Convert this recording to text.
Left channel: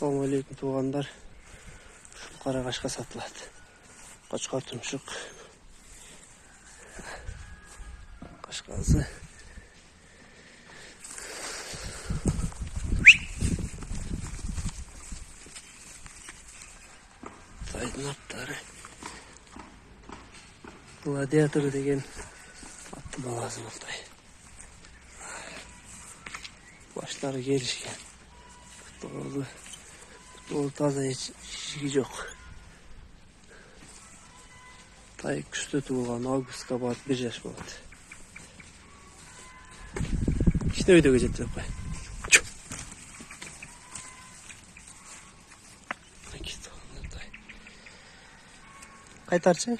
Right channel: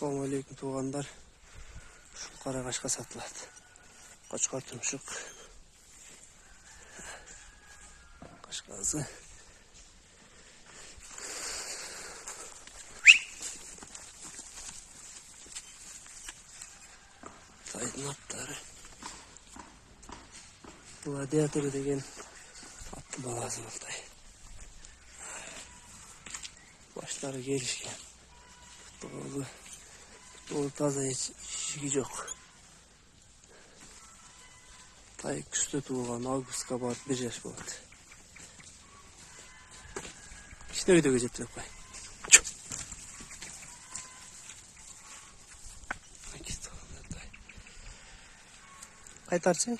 Assalamu alaikum туғандар. Қарағашқа сатылады. Қошқар тұмшық. Қашқазы. Тайдың аттары. Гладиатор деген атты баласы бұлтай. Баштары келішкен. Ол таза шигі жоқ. Тай күшті туылған, августқа барып 1 жаш болады. İşte video geçirttirip koy. Kaytarçı.